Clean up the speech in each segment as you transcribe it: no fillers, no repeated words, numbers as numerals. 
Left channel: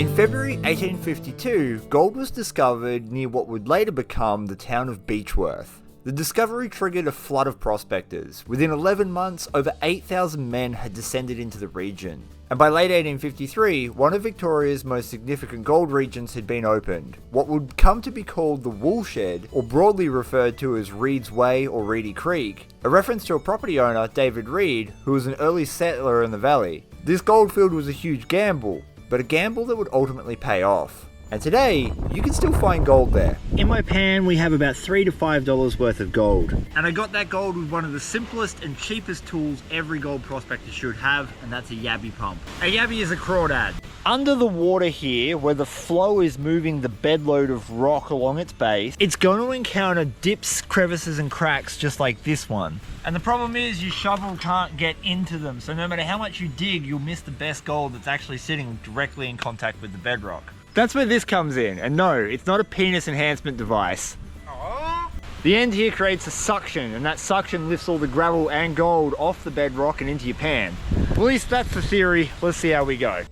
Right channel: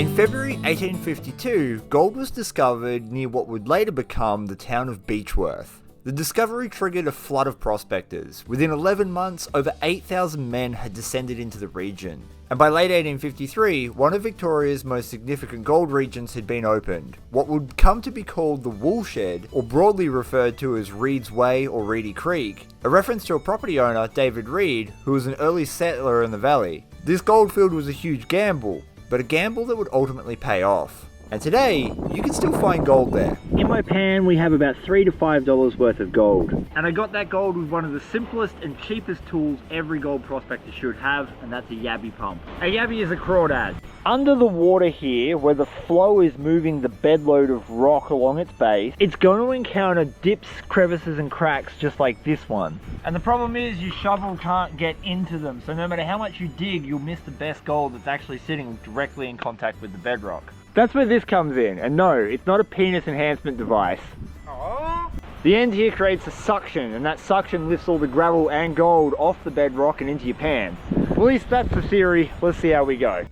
In February 1852, gold was discovered near what would later become the town of Beechworth. The discovery triggered a flood of prospectors. Within 11 months, over 8,000 men had descended into the region. And by late 1853, one of Victoria's most significant gold regions had been opened, what would come to be called the Woolshed, or broadly referred to as Reed's Way or Reedy Creek, a reference to a property owner, David Reed, who was an early settler in the valley. This goldfield was a huge gamble, but a gamble that would ultimately pay off. And today, you can still find gold there. In my pan, we have about $3 to $5 worth of gold. And I got that gold with one of the simplest and cheapest tools every gold prospector should have, and that's a yabby pump. A yabby is a crawdad. Under the water here, where the flow is moving the bedload of rock along its base, it's going to encounter dips, crevices, and cracks just like this one. And the problem is your shovel can't get into them, so no matter how much you dig, you'll miss the best gold that's actually sitting directly in contact with the bedrock. That's where this comes in, and no, it's not a penis enhancement device. Aww. The end here creates a suction, and that suction lifts all the gravel and gold off the bedrock and into your pan. At least that's the theory. Let's see how we go.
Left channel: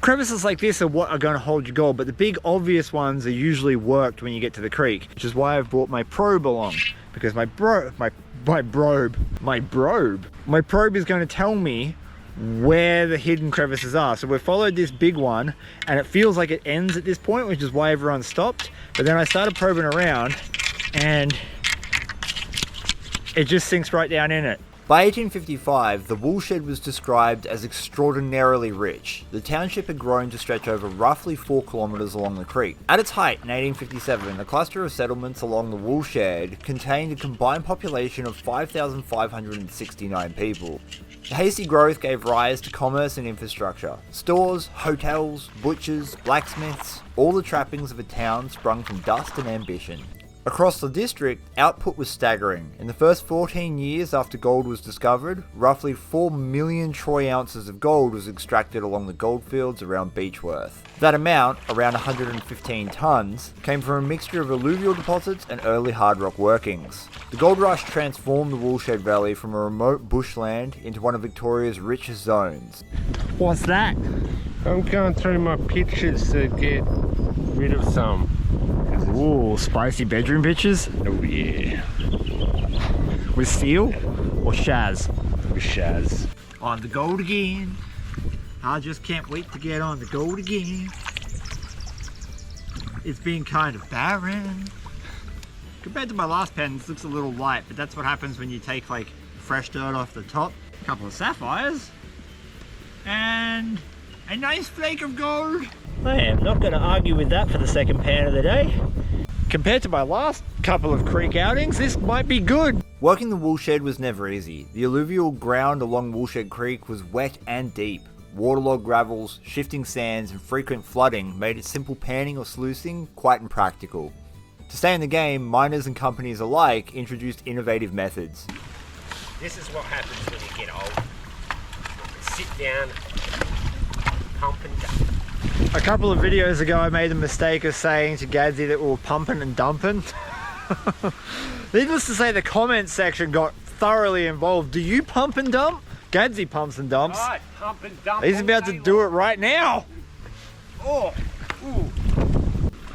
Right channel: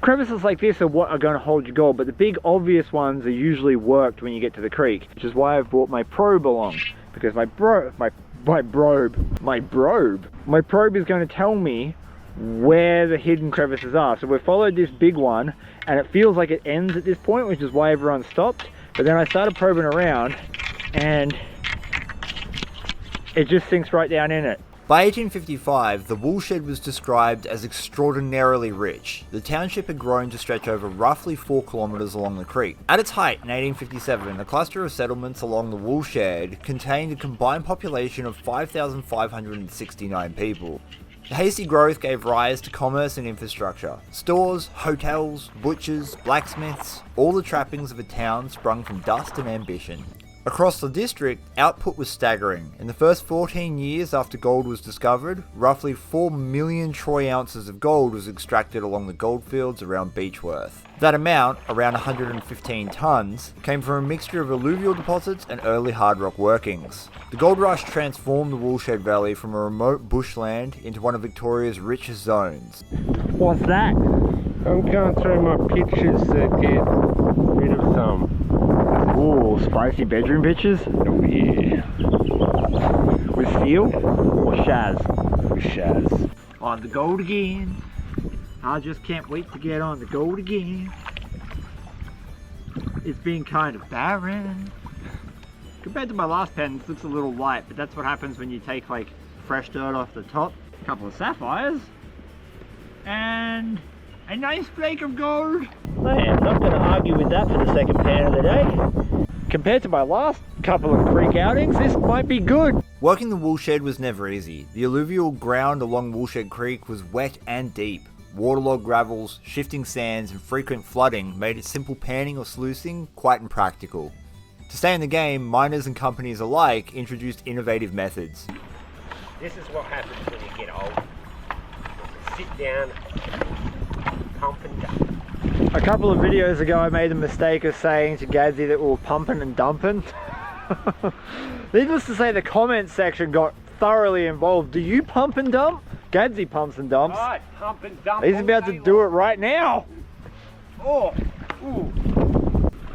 Crevices like this are what are going to hold your gold, but the big obvious ones are usually worked when you get to the creek, which is why I've brought my probe along, because my probe is going to tell me where the hidden crevices are. So we've followed this big one, and it feels like it ends at this point, which is why everyone stopped. But then I started probing around, and it just sinks right down in it. By 1855, the Woolshed was described as extraordinarily rich. The township had grown to stretch over roughly 4 kilometres along the creek. At its height in 1857, a cluster of settlements along the Woolshed contained a combined population of 5,569 people. The hasty growth gave rise to commerce and infrastructure. Stores, hotels, butchers, blacksmiths, all the trappings of a town sprung from dust and ambition. Across the district, output was staggering. In the first 14 years after gold was discovered, roughly 4 million troy ounces of gold was extracted along the goldfields around Beechworth. That amount, around 115 tonnes, came from a mixture of alluvial deposits and early hard rock workings. The gold rush transformed the Woolshed Valley from a remote bushland into one of Victoria's richest zones. What's that? I'm going through my pictures to get rid of some. Ooh, spicy bedroom pictures? Oh yeah. With steel or Shaz? With Shaz. On the gold again. I just can't wait to get on the gold again. It's been kind of barren. Compared to my last pen, this looks a little light, but that's what happens when you take like fresh dirt off the top. A couple of sapphires. And a nice flake of gold. I am not going to argue with that for the second pan of the day. Compared to my last couple of creek outings, this might be good. Working the Woolshed was never easy. The alluvial ground along Woolshed Creek was wet and deep. Waterlogged gravels, shifting sands, and frequent flooding made it simple panning or sluicing quite impractical. To stay in the game, miners and companies alike introduced innovative methods. This is what happens when you get old. Sit down, pump and dump. A couple of videos ago I made the mistake of saying to Gadsy that we were pumping and dumping. Needless to say, the comments section got thoroughly involved. Do you pump and dump? Gadsy pumps and dumps. Right, pump and dump. He's about to do it right now. Oh, ooh.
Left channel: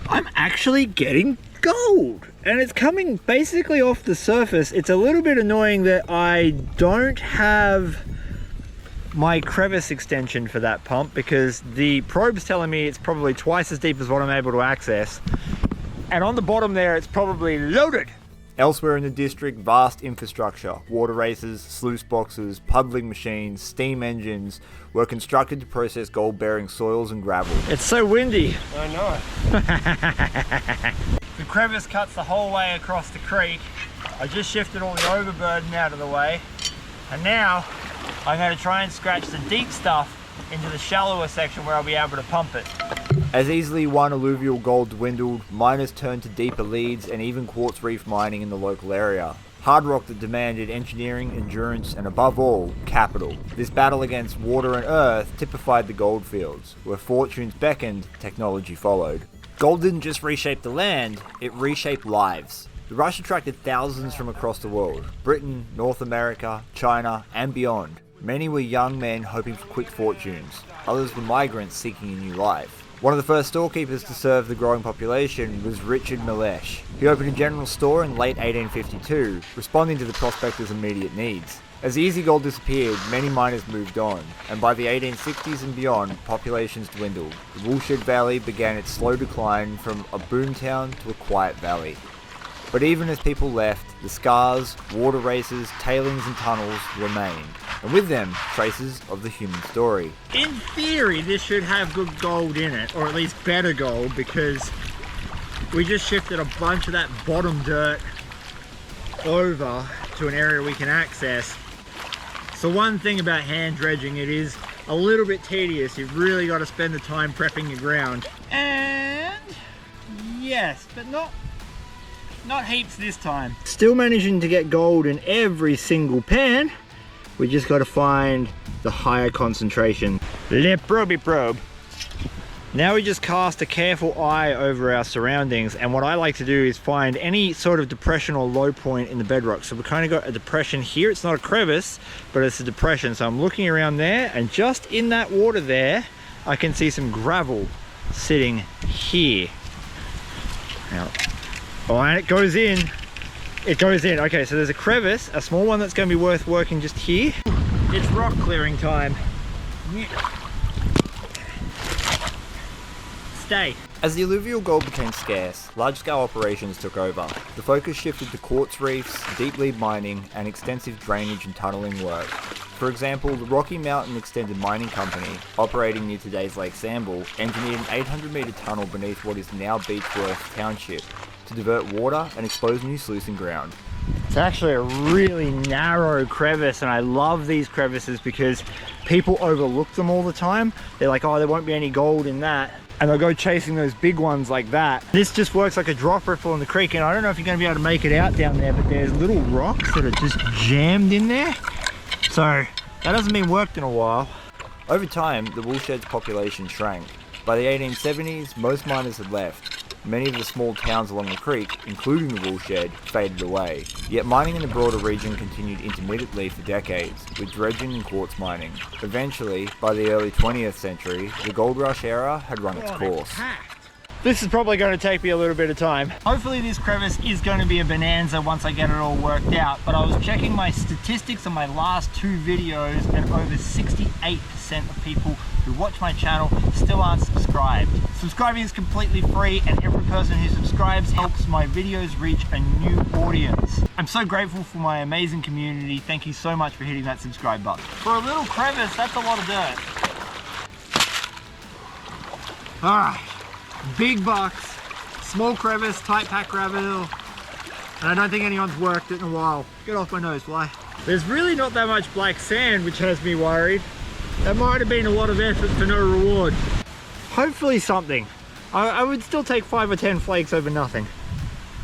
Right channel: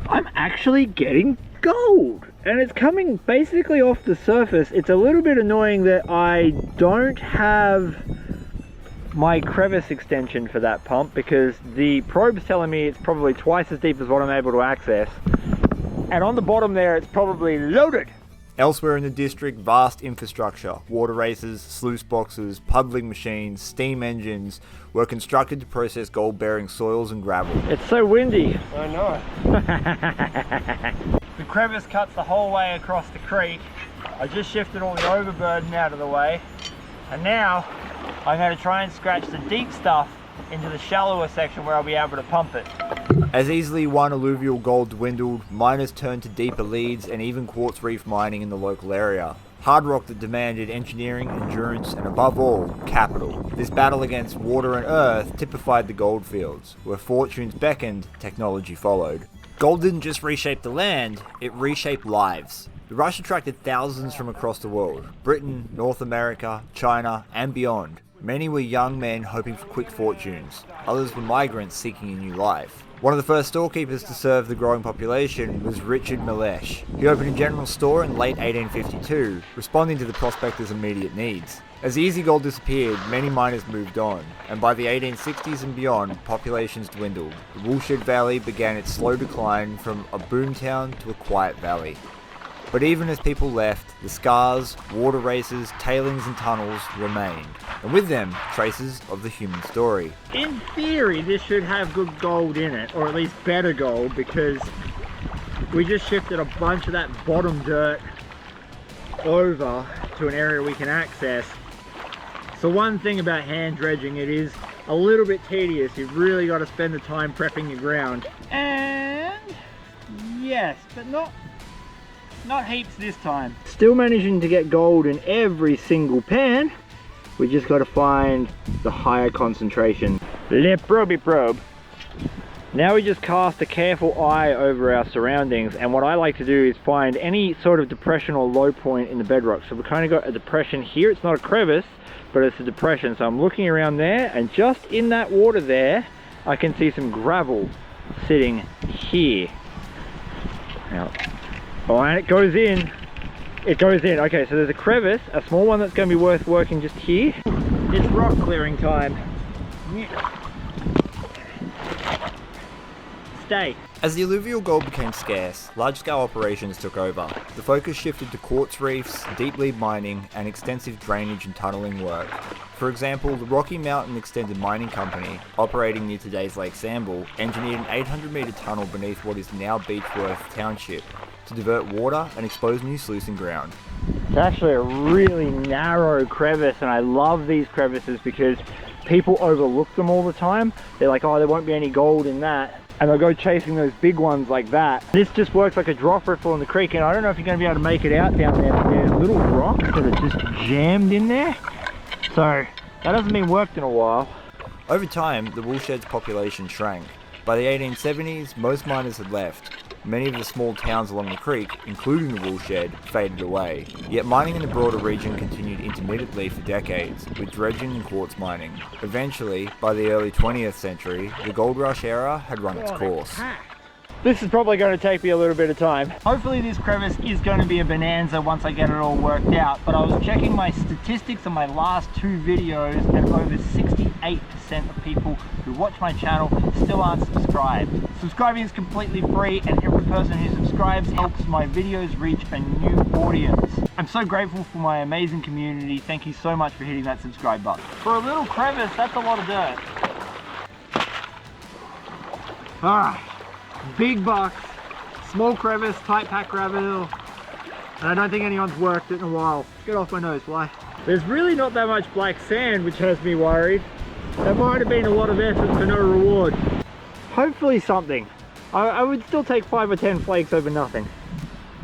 I'm actually getting gold, and it's coming basically off the surface. It's a little bit annoying that I don't have my crevice extension for that pump, because the probe's telling me it's probably twice as deep as what I'm able to access, and on the bottom there it's probably loaded. Elsewhere in the district, vast infrastructure, water races, sluice boxes, puddling machines, steam engines were constructed to process gold-bearing soils and gravel. It's so windy. I know. The crevice cuts the whole way across the creek. I just shifted all the overburden out of the way, and now I'm going to try and scratch the deep stuff into the shallower section where I'll be able to pump it. As easily one alluvial gold dwindled, miners turned to deeper leads and even quartz reef mining in the local area. Hard rock that demanded engineering, endurance, and above all, capital. This battle against water and earth typified the goldfields. Where fortunes beckoned, technology followed. Gold didn't just reshape the land, it reshaped lives. The rush attracted thousands from across the world, Britain, North America, China, and beyond. Many were young men hoping for quick fortunes. Others were migrants seeking a new life. One of the first storekeepers to serve the growing population was Richard Millesh. He opened a general store in late 1852, responding to the prospectors' immediate needs. As the easy gold disappeared, many miners moved on, and by the 1860s and beyond, populations dwindled. The Woolshed Valley began its slow decline from a boomtown to a quiet valley. But even as people left, the scars, water races, tailings and tunnels remained, and with them, traces of the human story. In theory, this should have good gold in it, or at least better gold, because we just shifted a bunch of that bottom dirt over to an area we can access. So one thing about hand dredging, it is a little bit tedious. You've really got to spend the time prepping your ground. And yes, but not heaps this time. Still managing to get gold in every single pan. We just got to find the higher concentration. Le proby probe. Now we just cast a careful eye over our surroundings, and what I like to do is find any sort of depression or low point in the bedrock. So we kind of got a depression here. It's not a crevice, but it's a depression. So I'm looking around there, and just in that water there, I can see some gravel sitting here. Now, oh, and it goes in. It goes in. Okay, so there's a crevice, a small one that's going to be worth working just here. It's rock clearing time. Stay. As the alluvial gold became scarce, large-scale operations took over. The focus shifted to quartz reefs, deep lead mining, and extensive drainage and tunneling work. For example, the Rocky Mountain Extended Mining Company, operating near today's Lake Samble, engineered an 800-metre tunnel beneath what is now Beechworth Township to divert water and expose new sluicing ground. It's actually a really narrow crevice, and I love these crevices because people overlook them all the time. They're like, oh, there won't be any gold in that. And they'll go chasing those big ones like that. This just works like a drop ripple in the creek, and I don't know if you're going to be able to make it out down there, but there's little rocks that are just jammed in there. So that hasn't been worked in a while. Over time, the Woolshed's population shrank. By the 1870s, most miners had left. Many of the small towns along the creek, including the Woolshed, faded away. Yet mining in the broader region continued intermittently for decades, with dredging and quartz mining. Eventually, by the early 20th century, the Gold Rush era had run its course. This is probably going to take me a little bit of time. Hopefully this crevice is going to be a bonanza once I get it all worked out, but I was checking my statistics on my last two videos, and over 68% of people who watch my channel still aren't subscribed. Subscribing is completely free, and every person who subscribes helps my videos reach a new audience. I'm so grateful for my amazing community. Thank you so much for hitting that subscribe button. For a little crevice, that's a lot of dirt. All right. Big bucks, small crevice, tight pack gravel, and I don't think anyone's worked it in a while. Get off my nose, fly. There's really not that much black sand, which has me worried. That might have been a lot of effort for no reward. Hopefully something. I would still take 5 or 10 flakes over nothing.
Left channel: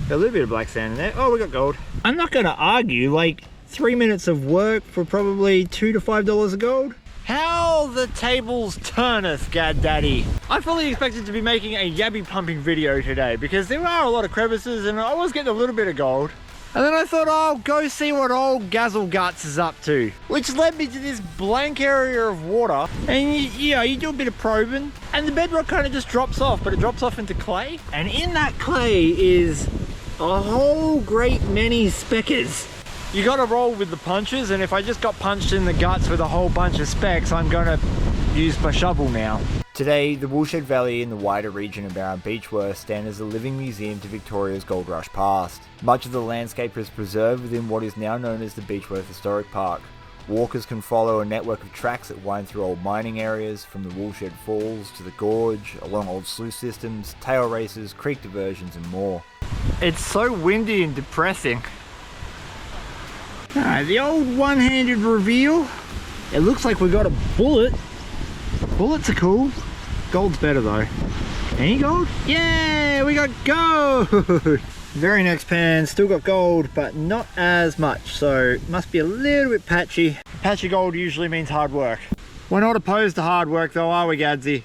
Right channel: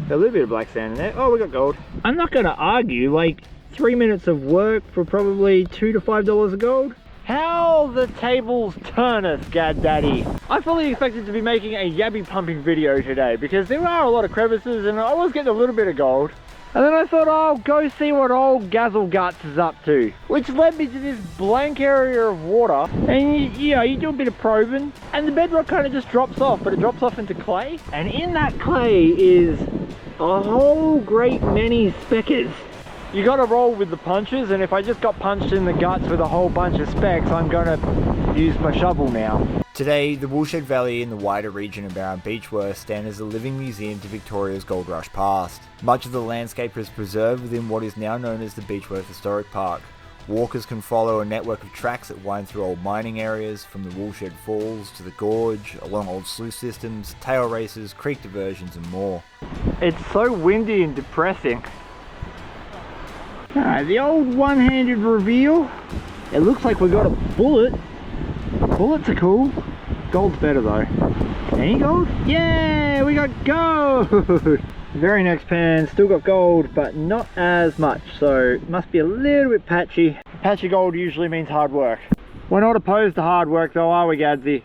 A little bit of black sand in there. Oh, we got gold. I'm not gonna argue, like 3 minutes of work for probably $2 to $5 of gold. How the tables turneth, Gad Daddy. I fully expected to be making a yabby pumping video today because there are a lot of crevices and I was getting a little bit of gold. And then I thought, oh, go see what old Gazzle Guts is up to. Which led me to this blank area of water. And you do a bit of probing and the bedrock kind of just drops off, but it drops off into clay. And in that clay is a whole great many speckers. You gotta roll with the punches, and if I just got punched in the guts with a whole bunch of specks, I'm gonna use my shovel now. Today, the Woolshed Valley and the wider region around Beechworth stand as a living museum to Victoria's Gold Rush past. Much of the landscape is preserved within what is now known as the Beechworth Historic Park. Walkers can follow a network of tracks that wind through old mining areas, from the Woolshed Falls to the gorge, along old sluice systems, tail races, creek diversions and more. It's so windy and depressing. Alright, the old one-handed reveal. It looks like we got a bullet. Bullets are cool. Gold's better though. Any gold? Yeah, we got gold! Very next pan, still got gold, but not as much, so it must be a little bit patchy. Patchy gold usually means hard work. We're not opposed to hard work though, are we, Gadsy?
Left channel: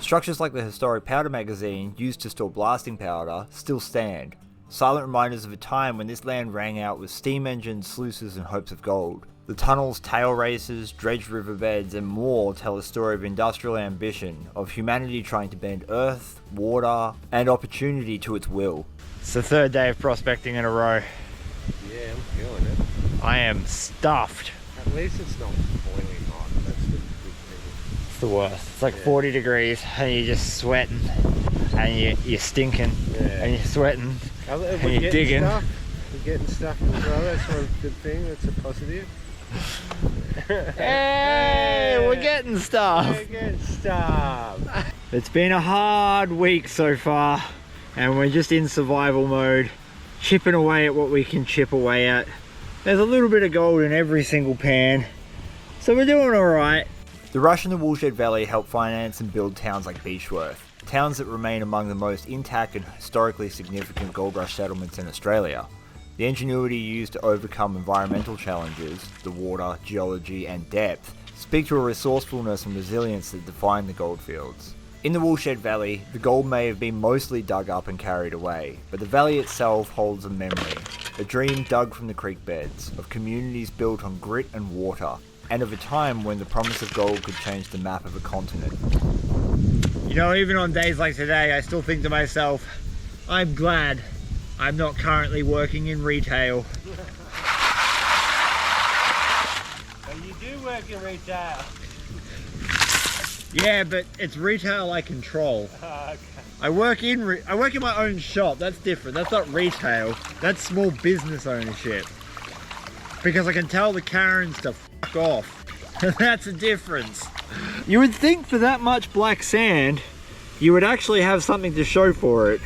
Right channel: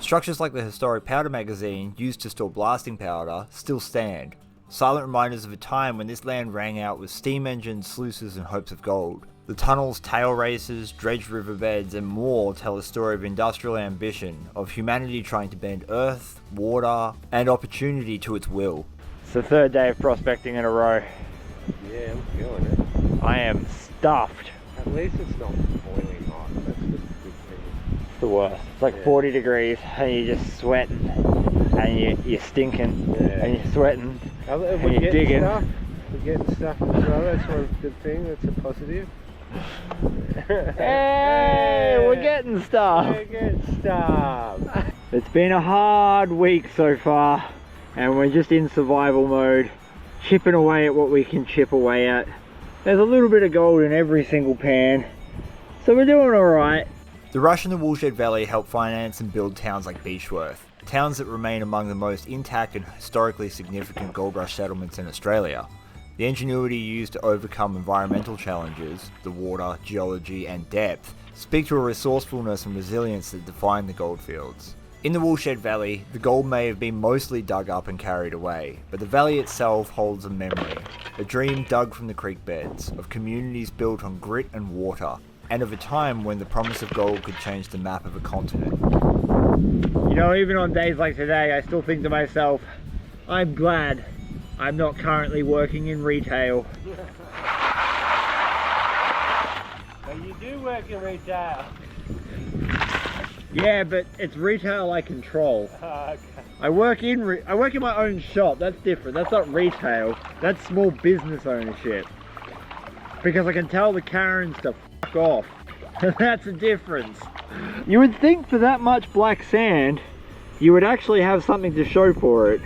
Structures like the historic powder magazine used to store blasting powder still stand. silent reminders of a time when this land rang out with steam engines, sluices and hopes of gold. The tunnels, tail races, dredged riverbeds and more tell a story of industrial ambition, of humanity trying to bend earth, water and opportunity to its will. It's the third day of prospecting in a row. Yeah, I'm feeling it. I am stuffed. At least it's not boiling hot. That's the good thing. It's the worst. It's like 40 degrees and you're just sweating and you're stinking and you're sweating and you're digging. We're getting stuff as well. That's one good thing. That's a positive. Hey, we're getting stuff. We're getting stuff. It's been a hard week so far and we're just in survival mode, chipping away at what we can chip away at. There's a little bit of gold in every single pan, so we're doing alright. The rush in the Woolshed Valley helped finance and build towns like Beechworth, towns that remain among the most intact and historically significant gold rush settlements in Australia. The ingenuity used to overcome environmental challenges, the water, geology and depth, speak to a resourcefulness and resilience that define the goldfields. In the Woolshed Valley, the gold may have been mostly dug up and carried away, but the valley itself holds a memory, a dream dug from the creek beds, of communities built on grit and water, and of a time when the promise of gold could change the map of a continent. You know, even on days like today, I still think to myself, I'm glad I'm not currently working in retail. But you do work in retail. Yeah, but it's retail I control. Okay. I work in my own shop. That's different. That's not retail. That's small business ownership. Because I can tell the Karens to fuck off. That's a difference. You would think for that much black sand, you would actually have something to show for it.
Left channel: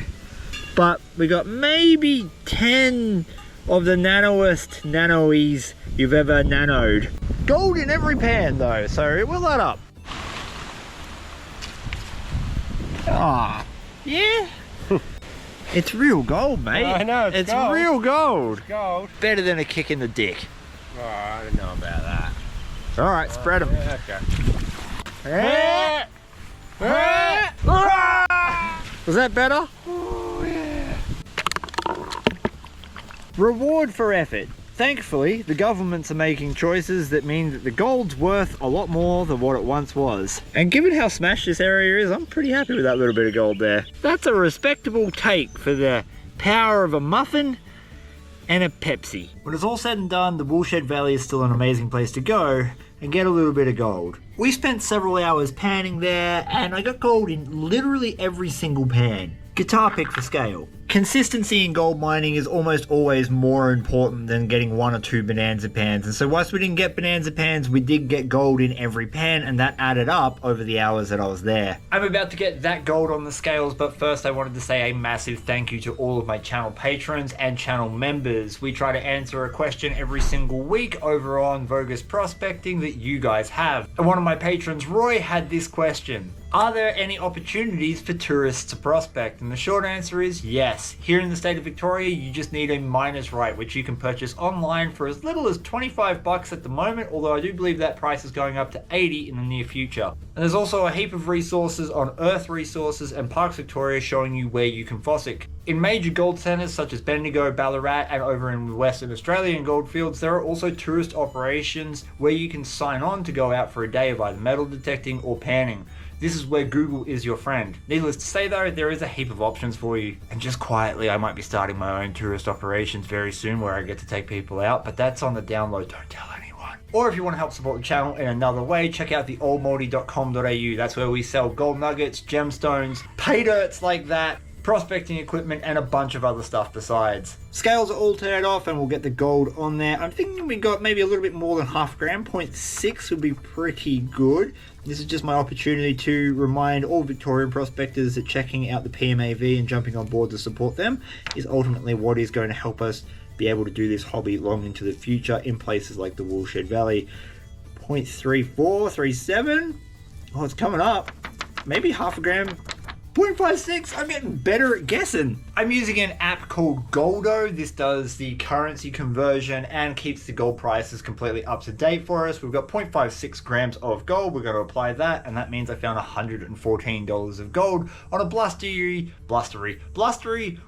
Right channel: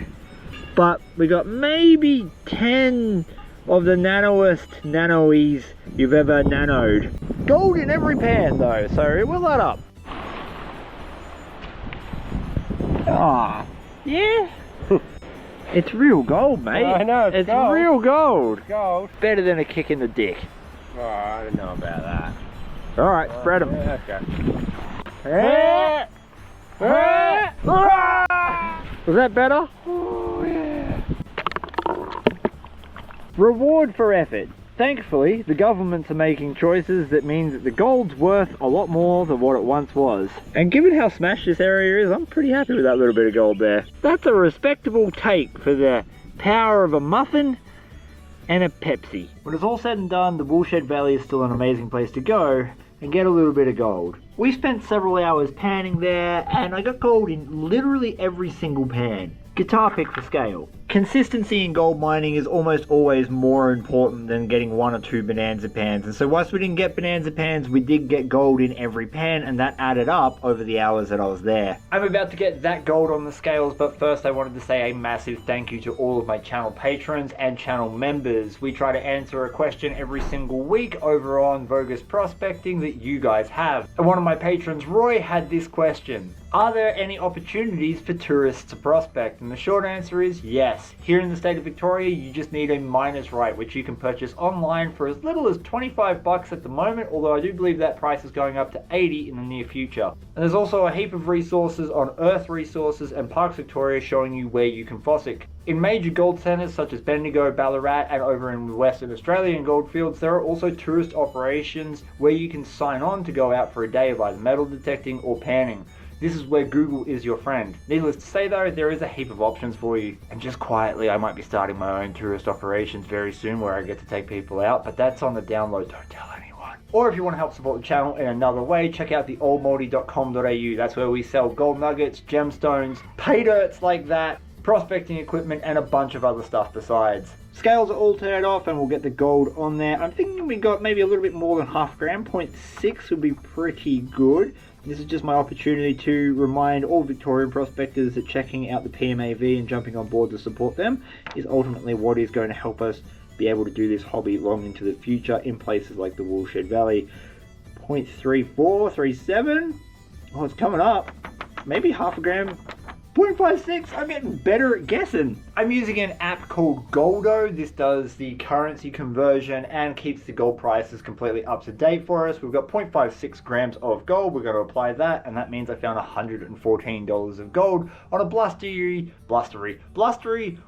But we got maybe 10 of the nanoest nanoes you've ever nanoed. Gold in every pan though, so we'll let up. Ah, yeah. It's real gold, mate. I know, it's gold. Real gold. It's gold. Better than a kick in the dick. Oh, I don't know about that. Alright, spread them. Yeah, okay. Was that better? Oh, yeah. Reward for effort. Thankfully, the governments are making choices that mean that the gold's worth a lot more than what it once was. And given how smashed this area is, I'm pretty happy with that little bit of gold there. That's a respectable take for the power of a muffin and a Pepsi. When it's all said and done, the Woolshed Valley is still an amazing place to go and get a little bit of gold. We spent several hours panning there and I got gold in literally every single pan. Guitar pick for scale. Consistency in gold mining is almost always more important than getting 1 or 2 bonanza pans, and so whilst we didn't get bonanza pans, we did get gold in every pan, and that added up over the hours that I was there. I'm about to get that gold on the scales, but first I wanted to say a massive thank you to all of my channel patrons and channel members. We try to answer a question every single week over on Vo-Gus Prospecting that you guys have. And one of my patrons, Roy, had this question. Are there any opportunities for tourists to prospect? And the short answer is yes. Here in the state of Victoria, you just need a miner's right, which you can purchase online for as little as 25 bucks at the moment, although I do believe that price is going up to 80 in the near future. And there's also a heap of resources on Earth Resources and Parks Victoria showing you where you can fossick. In major gold centres such as Bendigo, Ballarat and over in Western Australian goldfields, there are also tourist operations where you can sign on to go out for a day of either metal detecting or panning. This is where Google is your friend. Needless to say though, there is a heap of options for you. And just quietly, I might be starting my own tourist operations very soon where I get to take people out, but that's on the download, don't tell anyone. Or if you want to help support the channel in another way, check out the oldmouldy.com.au. That's where we sell gold nuggets, gemstones, paydirts like that, prospecting equipment and a bunch of other stuff besides. Scales are all turned off and we'll get the gold on there. I'm thinking we got maybe a little bit more than half a gram. 0.6 would be pretty good. This is just my opportunity to remind all Victorian prospectors that checking out the PMAV and jumping on board to support them is ultimately what is going to help us be able to do this hobby long into the future in places like the Woolshed Valley. 0.3437. Oh, it's coming up. Maybe half a gram 0.56, I'm getting better at guessing. I'm using an app called Goldo. This does the currency conversion and keeps the gold prices completely up to date for us. We've got 0.56 grams of gold. We're going to apply that, and that means I found $114 of gold on a blustery,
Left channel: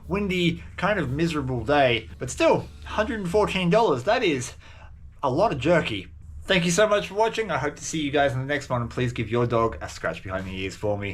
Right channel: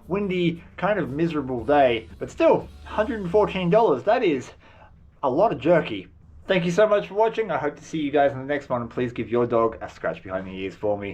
windy, kind of miserable day. But still, $114. That is a lot of jerky. Thank you so much for watching. I hope to see you guys in the next one, and please give your dog a scratch behind the ears for me.